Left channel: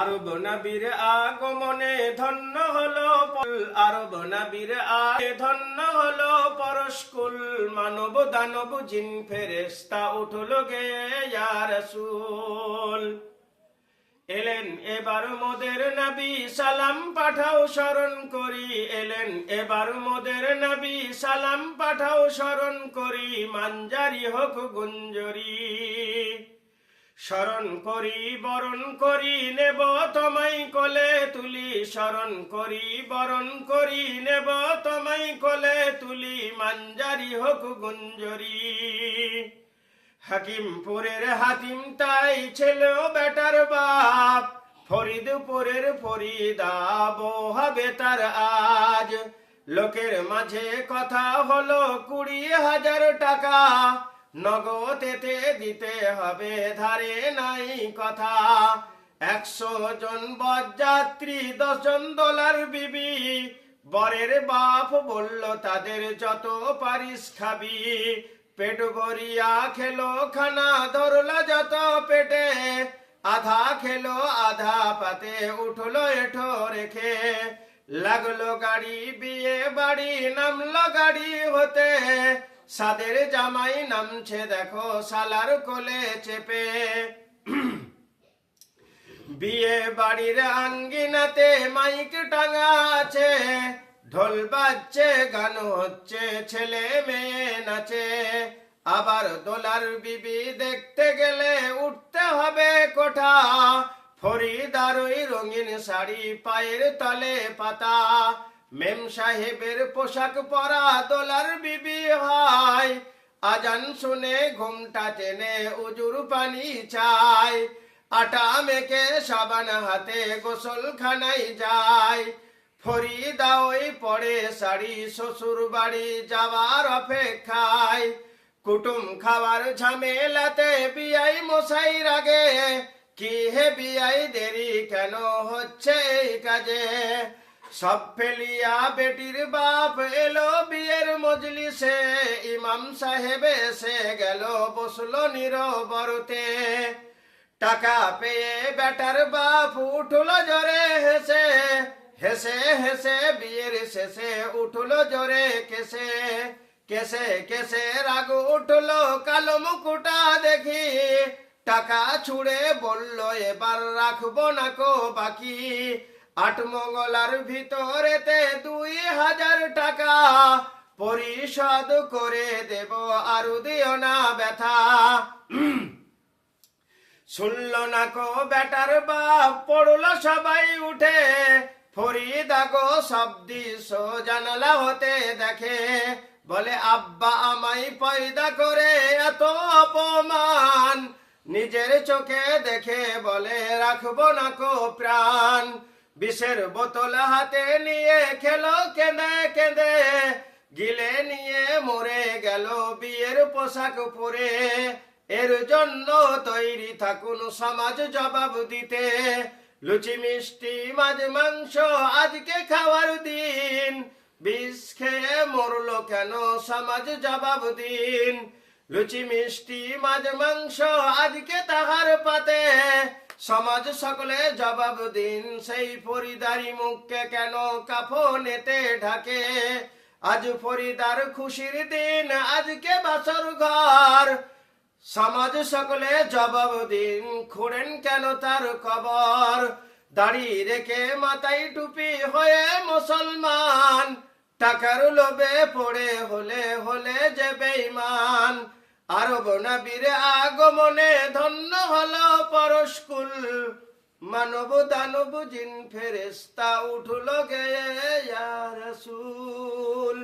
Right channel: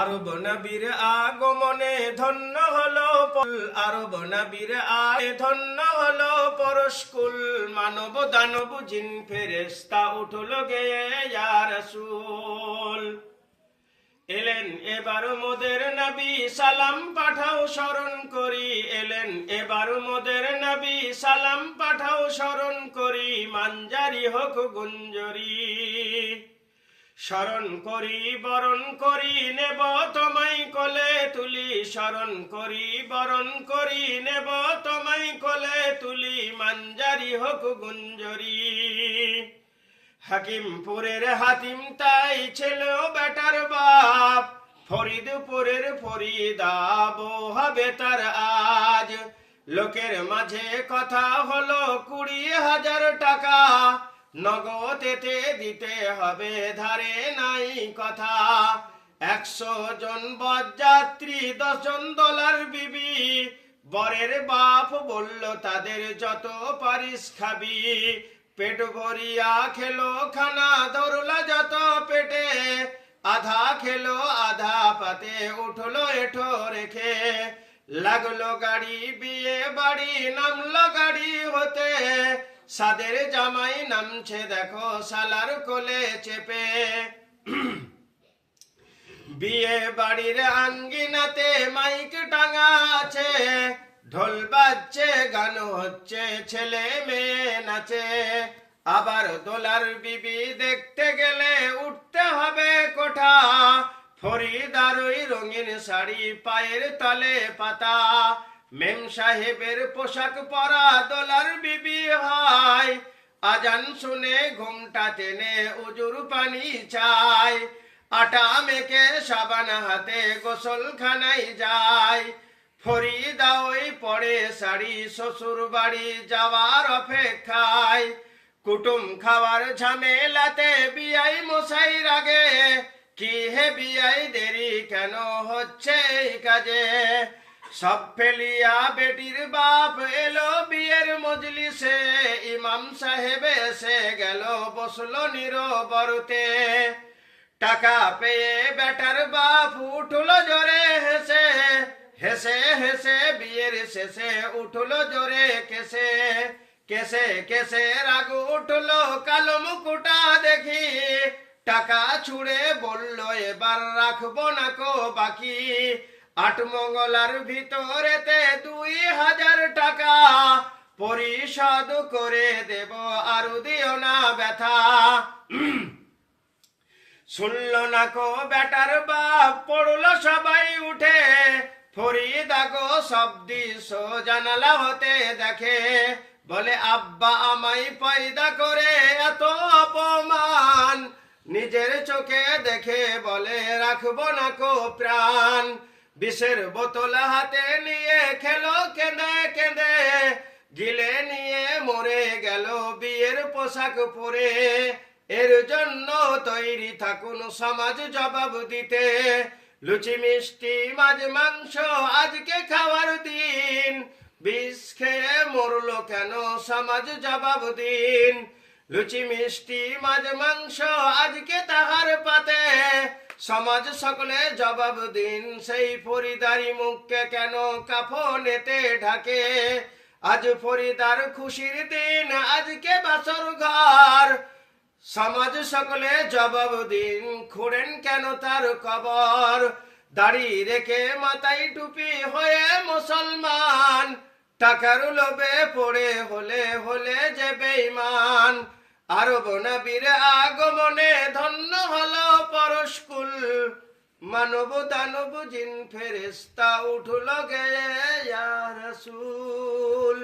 আরব নবীর আগমনে ধন্য হলো আরব নবীর ধন্য হলো পরশকুল। মানব দানব জিন ফেরেশতা উঠলো গেয়ে ইয়া রাসূল। এলেন এবার মোদের নবী সালাম পাঠাও স্মরণ করি। এলেন এবার মোদের নবী সালাম পাঠাও স্মরণ করি। মানজারি হোক গুঞ্জরি স্মরণ করি বরণ করি নেব তোমায় কোলে তুলি। স্মরণ করি বরণ করি নেব তোমায় কোলে তুলি। মানজারি হোক গুঞ্জরি। হাকিমপুরের হাতিম তাই ছেলেও বেটার বাপ। ফরিদপুরের ফরিদাব হবে তার আজ। লোকের মাঝে কথা হলো 20,000 টাকা। নগদেতে দিতে হবে ধারে নাই কথা। 100 জন বরযাত্রী 10 জন দোলার বিবি। বরের বাপ বলল তাদের যত পারিস খাবি। পেট ভরিয়া খেলো খানা ধরলা যত পেটে। আধা খেলো আধা পাতে উঠলো এঠো রেখে। লাগলো গাড়ি বিয়ে বাড়ি নামলো গাড়ি হতে। সাদের জামাই নামছে দেখো শালার কোলে চেপে। বিয়ে বাড়ির আঙ্গিনাতে মাইক টাঙা আছে। ঢোল বাজছে গান হচ্ছে ছেলে মেয়ে নাচে। আবার দোলার বিবি দেখতে গেলে উঠতে হবে কোঠা। ফরিদার ওই রঙিন শাড়ি পায়ের তলে পাতা। মেম সাহেবের পোশাক পরা দোলার বিবি হয়। আজান শুনে ঘুমটা টেনে উজুর পানি চায়। আটা মেখে সাবান হাতে গোসলখানায় যায়। ফরিদা ওই পরে শাড়ি শ্বশুর বাড়ি যাওয়ার অপেক্ষায়। কুটুম খাওয়ার ঝামেলাতে বিয়াই মশাই রাগে। কি হে বিয়াই দেরি কেন হচ্ছে এই কাজে। সব ফেলিয়া বেটির বাপ এলো বিয়ের মজলিসে। ইমাম সাহেব এসে গেল বসলো নীরবরতে। টাকা পেয়ে বেটার বাপ উঠলো জোরে হেসে। হেসে হেসে বিয়ের শেষে উঠলো জোরে কেসে। কেসে কেসে রাগ উঠলো কালো মুকুটা দেখি। টাকা ছুড়ে বলল এবার রাখবো না কো বাকি। 8 মঙ্গলার ভিতরেতে 2,000 টাকা। পরিশোধ করে দেব আর দিও না ব্যথা। শুনল না কো বেটার বাপ পড়লো সবাই উঠে। ফরিদা গো সব দিশ জানালা হতে দেখে। বলে আব্বা আমায় পয়দা করে এত অপমান। নিজের চোখে দেখে বলে রাখবো না কো প্রাণ। বিষের বোতল হাতে নিয়ে খেলো কেঁদে কেঁদে। গিলে নিয়ে মরে গেল বিয়ের পোশাক পরে। এর জন্য তৈরি থাকুন সমাজ জবাব দিতে। লুচি মিষ্টি মাছ মাংস আজকে খাওয়ার দিন। বিষ খেয়ে মরলো কেন সমাজ জবাব দিন। লুচি মিষ্টি মাছ মাংস আজকে তাহার পাতে। সমাজ সকলে জবাব দিন সেই ফরিদারি মুখকে কেন কাফনেতে ঢাকে। আজ ফরিদার খুশির দিন আজকে বাসর ঘর। সমাজ সকলে জবাব দিন খুঁড়েন কেন তার কবর। দাড়ি রেখে মাথায় টুপি হয়ে মুসলমান। টাকার লোভে পড়ে হলে হলে যে বেঈমান। আরব নবীর আগমনে ধন্য হলো পরশকুল। মানব দানব জিন ফেরেশতা উঠলো গে ইয়া রাসূল।